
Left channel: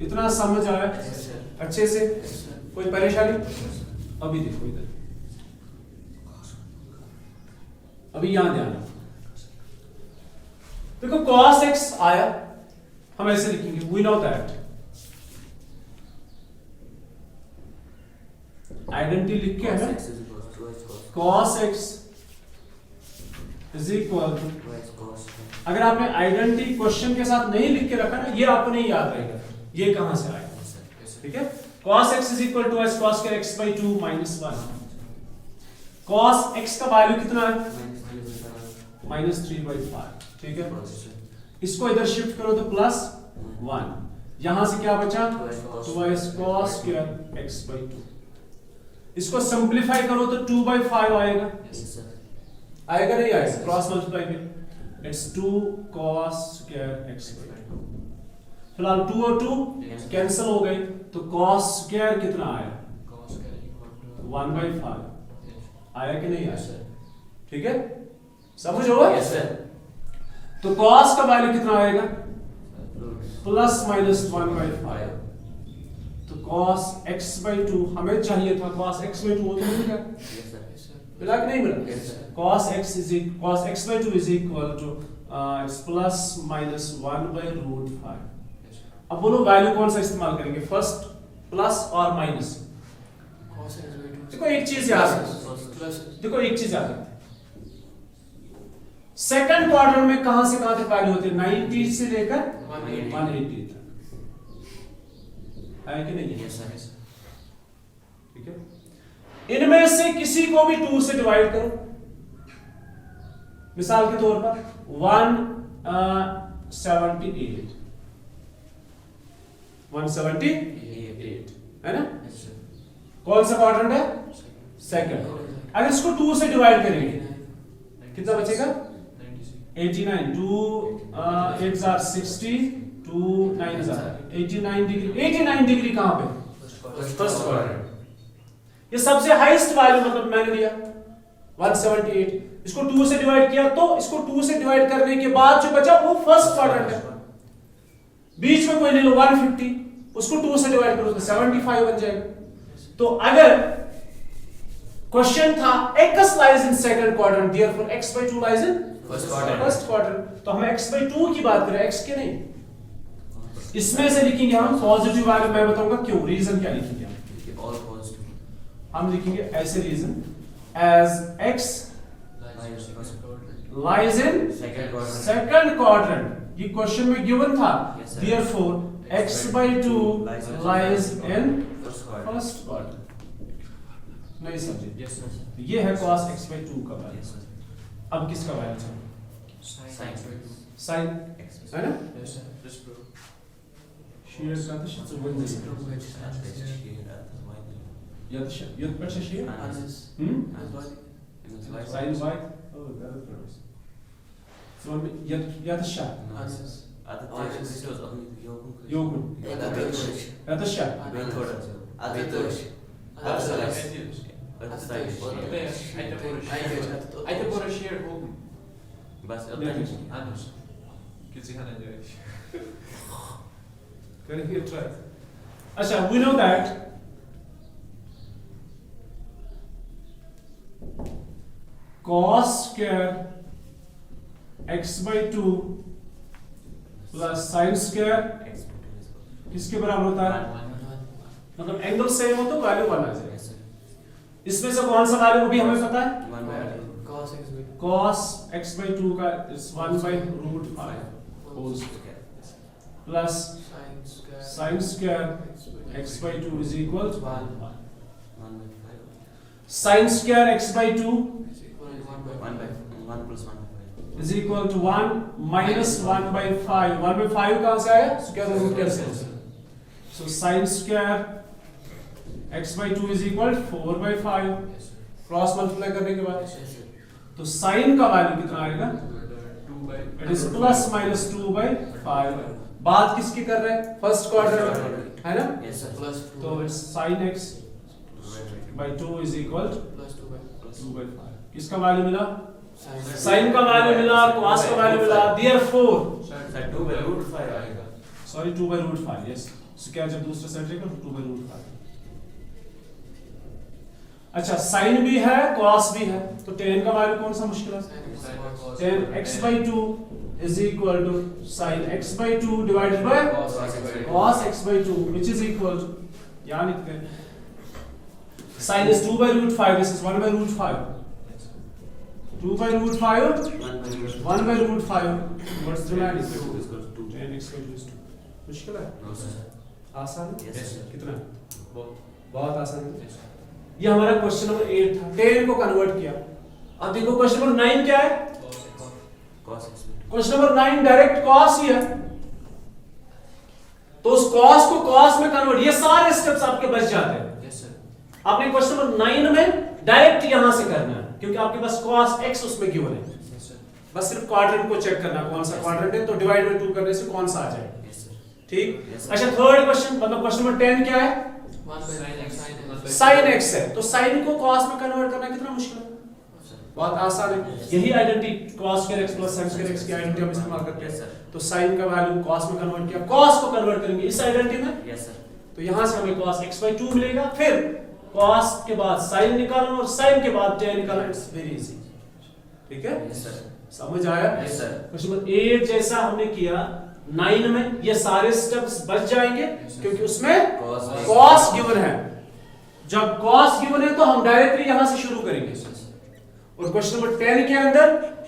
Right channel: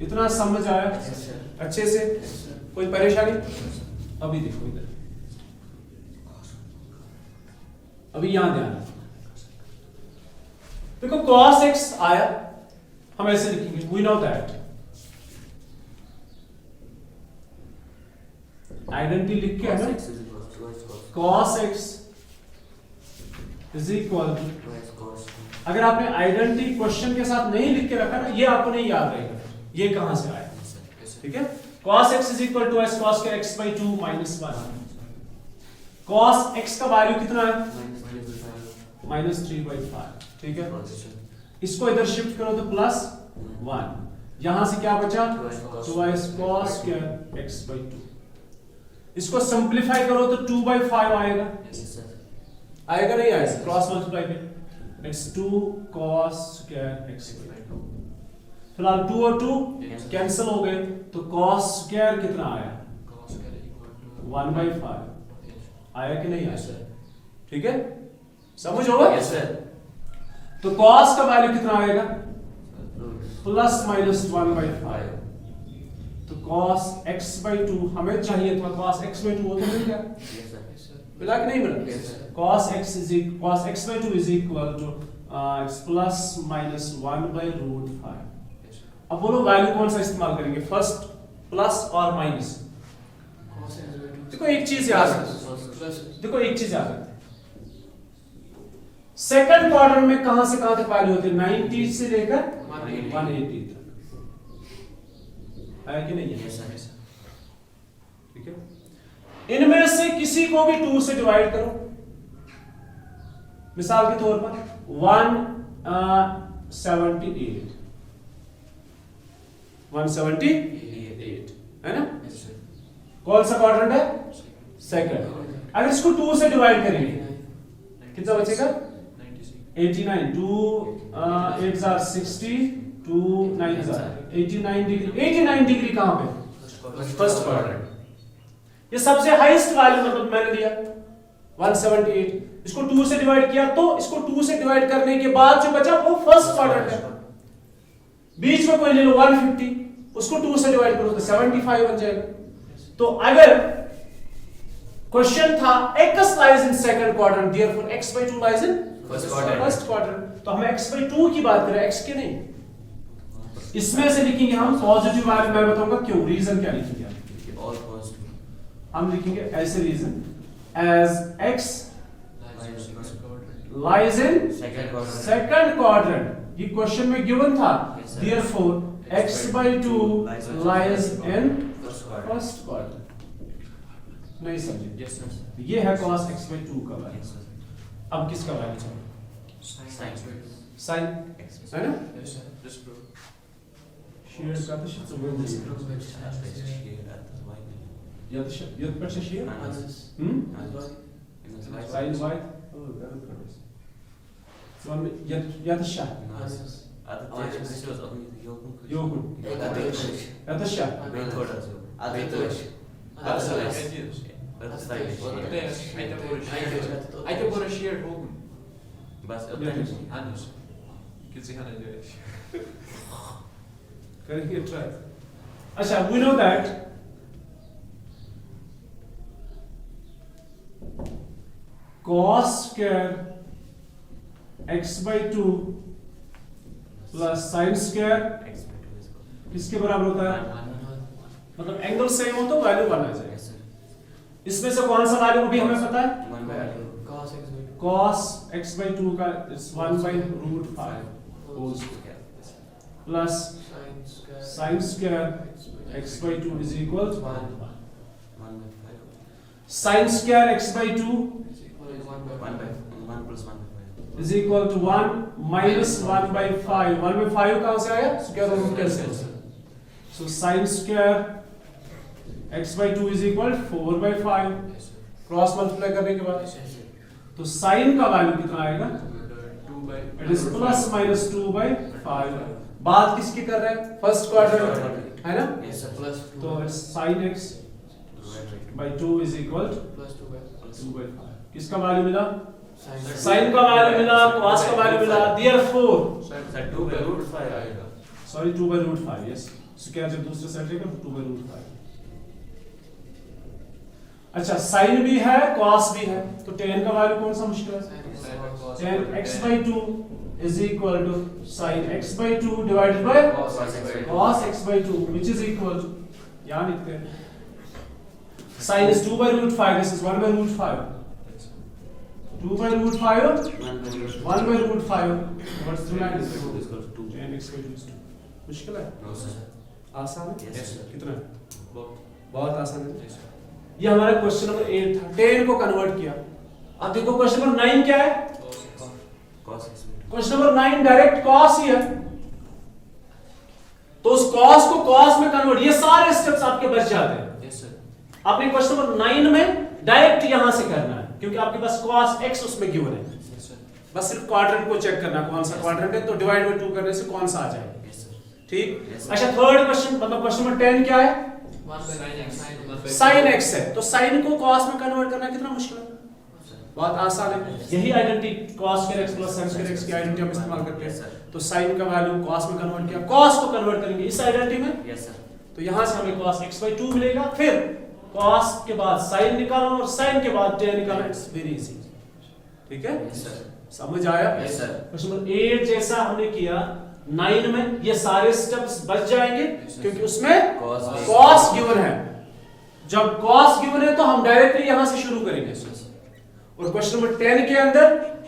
इतना समझ आया? Yes, sir. अच्छे से? Yes, sir. कोई परेशानी? अभी देखो इधर, अभी यहां ध्यान रखो। देखो cos x आया, हम ऐसे लिखेंगे, we know that आइडेंटिटी लिख के है Cos ना, x is equal to 2x cos. cos x is equal to, 2x cos. अगर आपने आइडेंटिटी क्वेश्चन के साथ नहीं लिख के रखा ना, ये आपको नहीं याद रहेगा ये कहां से आया। Yes, sir. Yes, sir. ठीक है, cos x is equal to s cos square x by 2 minus 1। cos x का वैल्यू कितना है? Minus 3 by 5. minus 3 by 5। ठीक है, Yes, sir. इसको इधर शिफ्ट करो तो प्लस 1, यहां से क्या बचा? 2s cos square x by 2। इसको सिंपलीफाई करो तो 2 by 5 आएगा, Yes, sir. आएगा नहीं आएगा? क्रॉस मल्टीप्लाई में it's 2 cos square x by 2। फिलहाल 2 और 2 Yes, sir. कैंसिल हो गए तो cos square कितना आया? Cos square equal to 1 by 5 Yes. आया कि नहीं Yes, आया? sir. ठीक है, समझ होगा? Yes, sir. तो cos का वैल्यू कितना आएगा? Root plus minus 1 by 5। 5. तो cos x by 2 हमें चाहिए था, cos x by 2 वो तो मिल गया, Yes, sir. Yes, sir. मिला कि नहीं मिला? Yes, sir. cos x by 2 is equal to it's plus minus 1 by root 5। Yes, sir. अब बोलो वैल्यू कौन सा इस्तेमाल करेंगे, फर्स्ट, प्लस और माइनस? Cos x by 2. देखो एक चीज याद रखो, Plus. देखो एक चीज याद रखते हैं, सेकंड क्वार्टर में कहां से कहां तक वैल्यू होती है? 90 से लेकर 180 तक, है कि नहीं है? Yes, sir. ठीक है, इनमें से किसी को भी 2 से डिवाइड करो, मिसाल के तौर पर 178 है ना, Yes, sir. कौन सा क्वाड्रेंट है? सेकंड। अगर इसको 2 से डिवाइड करेंगे कितना बचेगा? 89, 2 8 are 60, 2 9 are 89 डिग्री। 89 डिग्री कहां पे? First quadrant. ये सबसे हाईएस्ट वैल्यू मतलब मैंने लिया 178, इसको 2 से डिवाइड किया तो इसको 2 से डिवाइड करने के बाद जो बचा वो फर्स्ट क्वाड्रेंट है। बीच में कोई ले लो 150, उसको 2 से डिवाइड करो तो 75 बन जाएगा। तो अगर क्वेश्चन था x lies in second quadrant, therefore x by 2 lies in First quadrant. first quadrant, तो हम x by 2 की बात करें, x के नहीं। इसमें से लिखेंगे हम पॉजिटिव वैल्यू, मैं बताऊंगा क्यों, रीजन क्या लिखेंगे हम। All positive. हम लिखेंगे ऐसे reason, as x Minus plus. lies in Second quadrant. second quadrant, ये क्वेश्चन में गिवन था, Yes, sir. therefore x by 2 lies in First quadrant. first quadrant। नहीं समझे? Yes, sir. ये है cos x by 2 का वैल्यू। Yes, sir. अब किसका वैल्यू चाहिए? Sin x by 2. sin, X. है ना? Yes, sir. Just prove. Share का तो शब्द बोल Just दिया। prove it. At least here at the y. यद पक्ष share? Minus. Minus y. sin y? Oh, very good. So यद शा, Minus. At the this was only the yokum. योगुण, यद शा, Way थोड़ा सा. Adı Way Toş. थोड़ा. That's Adı right. Toş. But it's like I can put a share home. बस उतना ही. Anos. Kids can enjoy it. करके try। अच्छा, we know that cos square x by 2 plus sin square X by 2 is equal. किसके बराबर होता है? मतलब angle same हो तो वैल्यू 1 आ जाएगा। Yes, sir. इसमें से कौन सा वैल्यू भी हमें पता है? 1 by r. Cos x by 2. cos x by 2 का it's 1 by root 5 whole square plus sin square x by 2 is equal to 1 1 by 5. sin square x by 2 1 by 1 plus 1 by 5. is equal to 1 minus 1 by 5। 1 by 5 कहाँ से आया? Square root कैसे? so sin square x by 2 is equal to 4 by 5। Cross multiply करने के बाद तो sin का value कितना आएगा? by. It is plus minus 2/5। बात किसकी कर रहे हैं? फर्स्ट क्वाड्रेंट है ना? Yes, sir. Plus 2. तो it's sin x by 2 is equal to Plus 2 by. 2/5। किसका वैल्यू मिला? Sin. sin का वैल्यू मिला, cos का वैल्यू मिला, therefore Sir, 2/√5 आएगा. सॉरी 2/√5। यस, सो क्या जब दूसरे साइड लेकर 2/√5। अच्छा, sin भी है cos भी है, तो tan का वैल्यू कौन सा मुश्किल है? tan x by 2 is equal to sin x by 2 divided by cos x by 2 which is equal to, यहाँ लिखते हैं sin is 2/√5, this is 1/√5, 2/√5 1/√5, what's the value? tan x by 2 is 2। मुश्किल है? No, sir. आसान है? Yes, sir. कितना है? Both. बहुत आसान है। ये हमारा क्वेश्चन नंबर 8 था, tan को कन्वर्ट किया। अब देखो क्वेश्चन नंबर 9 क्या है? Cos x by 2. Question number 9 direct cos ही है, तो उस cos को cos में कन्वर्ट, ये सारे स्टेप्स आपके बच जाते हैं। Yes, sir. आपने क्वेश्चन नंबर 9 में डायरेक्ट यहां से करना है, क्योंकि आपके पास cos x उसमें गिवन है। Yes, sir. बस सिर्फ क्वाड्रेंट को चेक करना, कौन सा क्वाड्रेंट है, तो डिवाइड बाय 2 करने से कौन सा आ जाएगा। Yes, sir. ठीक? Yes, sir. अच्छा, थर्ड क्वेश्चन, मतलब क्वेश्चन नंबर 10 क्या है? 1 by sin x. sin x है, तो sin को cos में कन्वर्ट करना कितना मुश्किल है? बहुत आसान है। यही identity cos square x plus sin square x की आइडेंटिटी हम इस्तेमाल करते Yes, हैं। sir. तो sin का वैल्यू cos में कन्वर्ट किया, cos को कन्वर्ट करेंगे इस आइडेंटिटी में, Yes, sir. तो यहां से हमें cos x by 2 मिलेगा, फिर cos के बाद sin निकालना और sin के बाद tan निकालना, इट्स वेरी इजी। ठीक है? Yes, sir. समझ आया? Yes, sir. क्वेश्चन नंबर 8 जैसा हमने किया 9 में, ये सारे स्टेप्स बच जाएंगे क्योंकि उसमें cos गिवन है। जब cos गिवन है तो हम डायरेक्टली यहां से शुरू करेंगे। और क्वेश्चन नंबर 10 के अंदर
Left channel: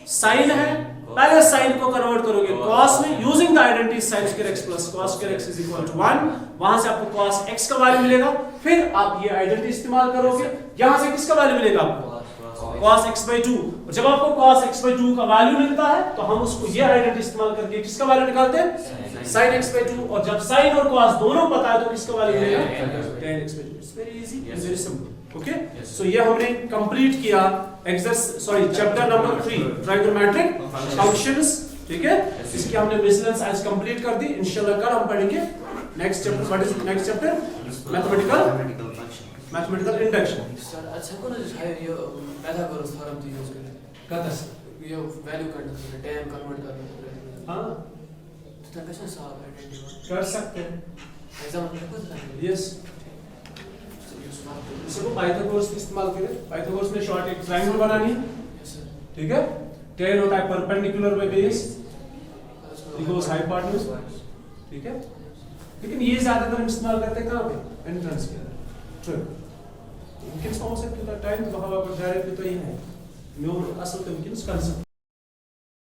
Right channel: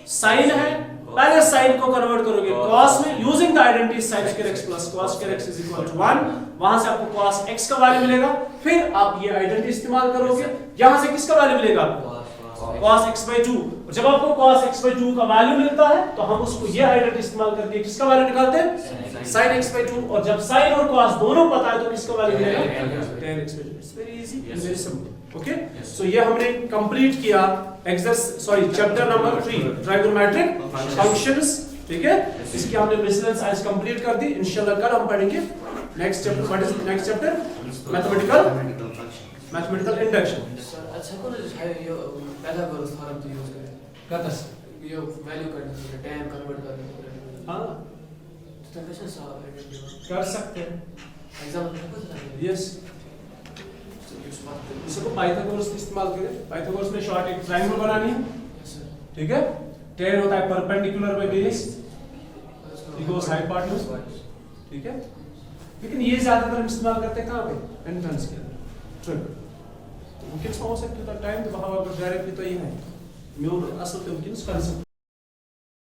sin है, पहले sin को कन्वर्ट करोगे cos में, using the identity sin square x plus cos square x is equal to 1, वहां से आपको cos x का वैल्यू मिलेगा, फिर आप ये आइडेंटिटी इस्तेमाल करोगे, यहां से किसका वैल्यू मिलेगा आपको? cos x by 2। और जब आपको cos x by 2 का वैल्यू मिलता है तो हम उसको ये आइडेंटिटी इस्तेमाल करके किसका वैल्यू निकालते हैं? sin x by 2। और जब sin और cos दोनों पता है तो किसका वैल्यू मिलेगा? tan x by 2। It's very easy, very simple. Okay, so ये हमने कंप्लीट किया चैप्टर नंबर 3 ट्राइगोनोमेट्रिक फंक्शंस। ठीक है, इसकी हमने मिसलेंस आज कंप्लीट कर दी। इंशाल्लाह कल हम पढ़ेंगे next chapter. What is next chapter? Mathematical induction. Sir अच्छा को ना ये पाइथागोरस थ्योरम तो यूज करें कहता ये वैल्यू करने के लिए tan कन्वर्ट करने हां, तो कैसे सॉल्व करेंगे कर सकते हैं। एग्जाम में कुछ नहीं यस, इसको पाइथागोरस इस्तेमाल करें। पाइथागोरस में शॉर्ट एक ट्रायंगल बनानी है। यस सर ठीक है, tan होता है perpendicular by base equals hypotenuse. ठीक है, लेकिन ये ज्यादातर हम इस्तेमाल करते हैं कहां पे? एंट्रेंस के। तो वुंकिंस पाहू शकतो टाइम तो भावा डायरेक्टली तो ये है म्यू असल तो वुंकिंस कंसेप्ट